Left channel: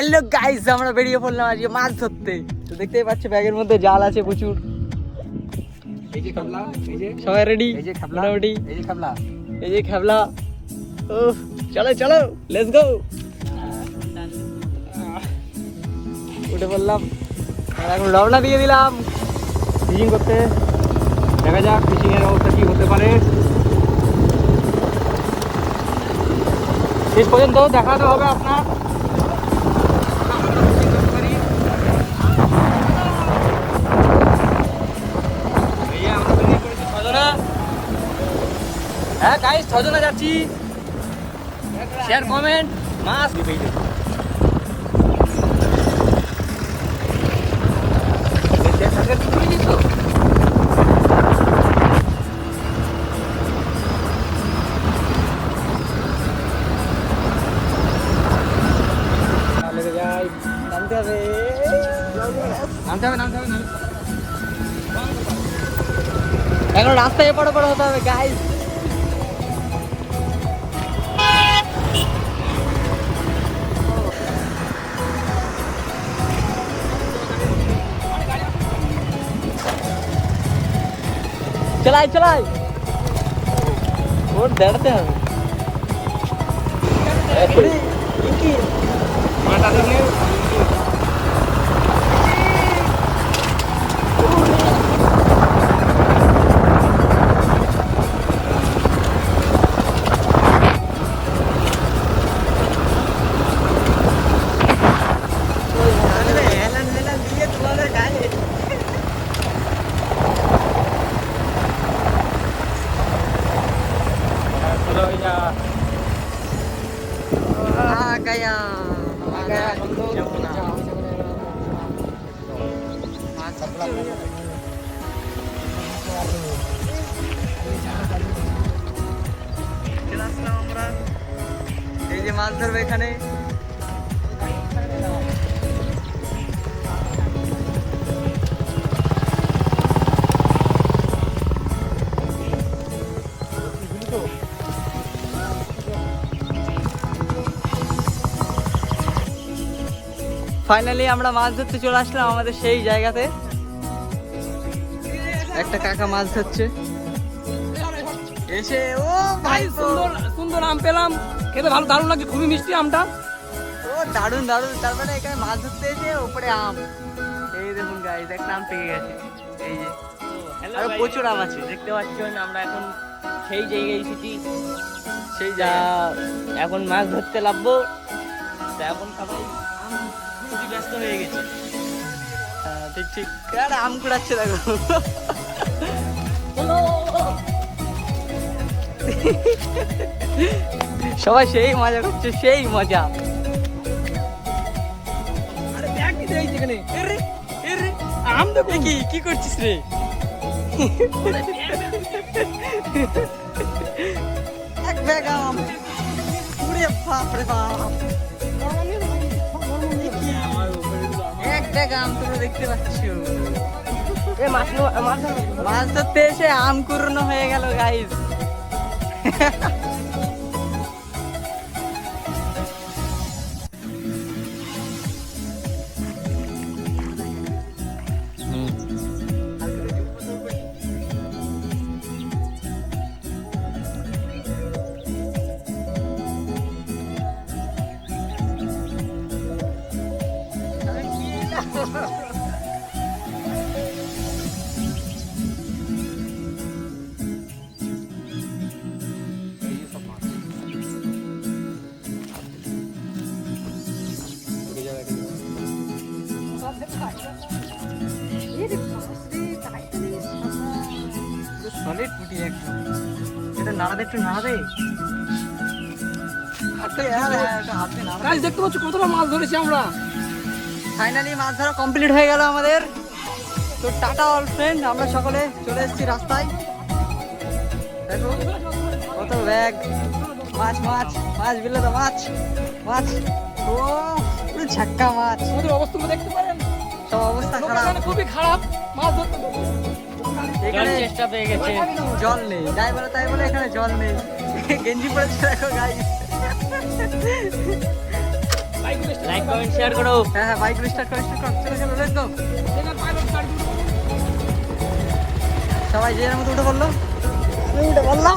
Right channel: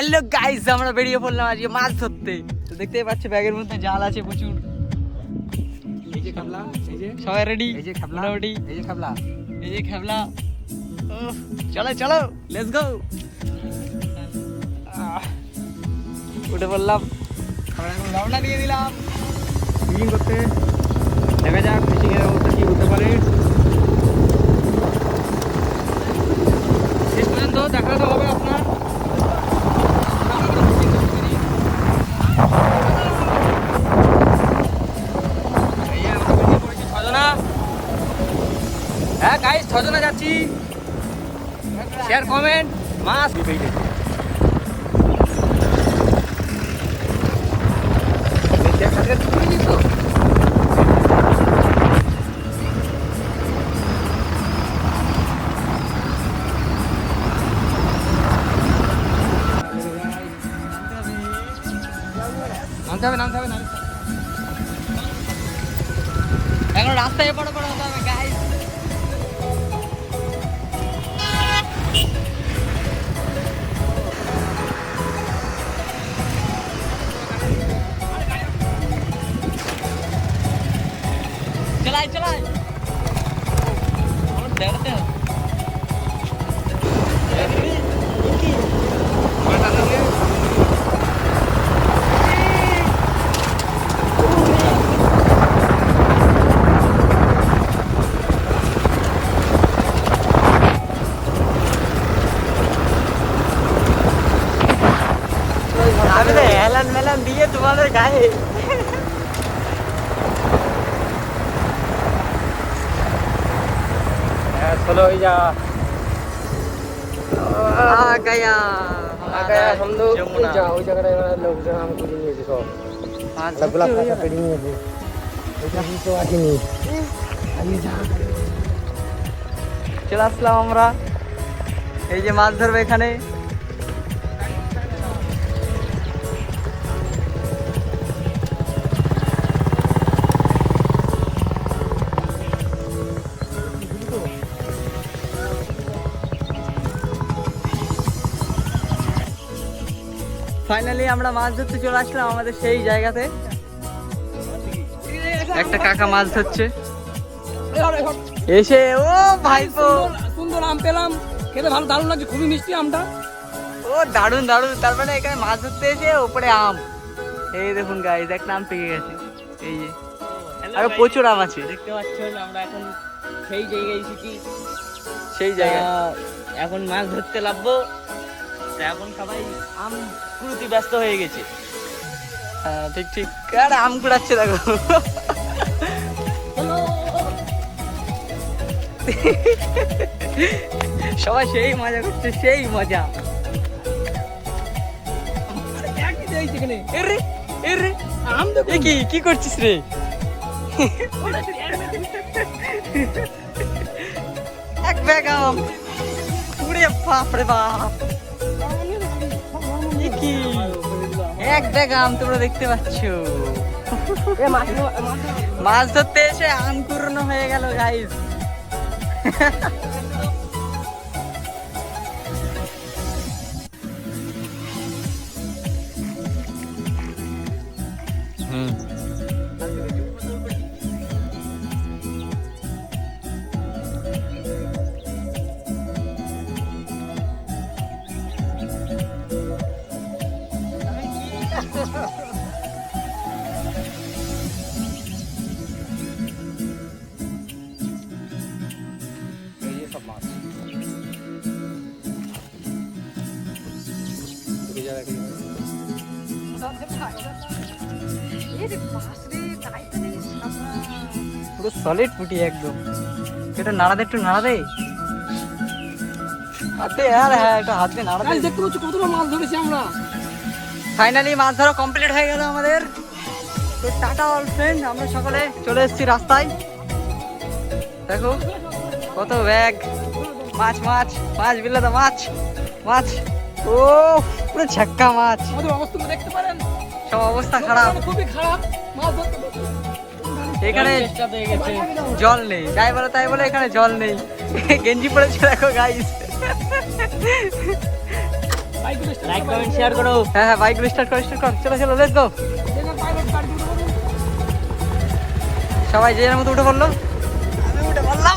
Hello guys আমরা বেরিয়ে পড়লাম আজকে মাছ ধরতে। তো দেখতেই পাচ্ছ ব্যাগের মধ্যে জাল আছে প্রচুর। এই যে খাবলা এই যে। সবাই রেডি এই যে খাবলা মোটামুটি? এই যে খাবলা। এই যে খেবলা। উফ, চলো চলো লেটস গো উঠে পড়লাম। আমরা এখন রওনা দিয়ে দিলাম। ফিশিং করতে। দেখা যাক ফিশিং এর অবস্থা কি হতে পারে। শেষ পর্যন্ত দেখাতে হবে আপনার। ছজনা যাচ্ছি। শেয়ার কমেন্ট মাস নামতে হবে নামতে হবে, নামতে এখন রাস্তায় এপার ওপার হতে হবে গাইস চলাই চলাই ওর দাঁড়াতে হবে আমি এটা বুঝতে পারিনি চলে আসলাম আমরা এই যে মাছ ধরবে এখানে ফাইনালি আমরা মাছ ধরতে চলে আসলাম আমাদের সেই জায়গাতে। একটা কাকা মাছ ধরছে। এসে ও ভাইপো সুন্দর সুন্দর আম পেলাম। খেতে ভালো দারুণ লাগছে খুবই মিষ্টি আমটা। ও দারুণ দারুণ। তার মানে এখানে মাছ ধরতে এসে ওপরে আম। এই দেখুন গাইজ একটা আম পেকে গেছে। এই যে। আরও প্রচুর আম আছে। দেখতে পাচ্ছেন আমরা এখন সেই জায়গায় এসেছি। সেই জায়গা এখন মাছ ধরতে লাগবো। এখন সবাই আম কুড়িতে ব্যস্ত হয়ে গেছে। হ্যাঁ ঠিক ঠিক। আরে আম কুড়াচ্ছে দেখো। সবাই সেই মজা করছে সেই মজা। কি কি করছিস রে? এক ব্যাগ আম। পুরে বাপ রে বাপ। এক ব্যাগ আম তোমরা দেখতে পাচ্ছ। মাছ ধরতে এসে আম কুরনো হয়ে গেল গাইস হুম। পুরো সলিড পুটি একদম। এটা নাড়াদে একটু নাড়াদে হাতে আর হ্যাঁ একটু হাতে নাড়াদে গাইস দেখতে পাচ্ছ কতটা মাছ ধরেছি আমরা। ফাইনালি মাছ ধরা কমপ্লিট হয়ে গেল আমাদের। তো টাটা অল ফ্রেন্ড আমরা সকলে চলে এসেছি রাস্তায়। দেখো কত ব্যাগ মাছ মাছ মাছ বিলে তো মাছ মাছ। ও! পুরো ঝাক্কা মাছ। আমাদের অবস্থা দেখতে পারেন। সব অবস্থা খারাপ। খুবই খারাপ। মাছ ধরতে। এখানে জল নেই। যাই বলে তাই বলে এখানে জল নেই। গেঞ্জি পড়েছে দেখো গাইস লাইক কমেন্ট শেয়ার করো। হ্যাঁ হ্যাঁ বাইকগুলো স্টার্ট কর স্টার্ট কর। চলো চলো লেটস গো সবাই যে মতো উঠে পড়ল। আমি উঠে পড়লাম।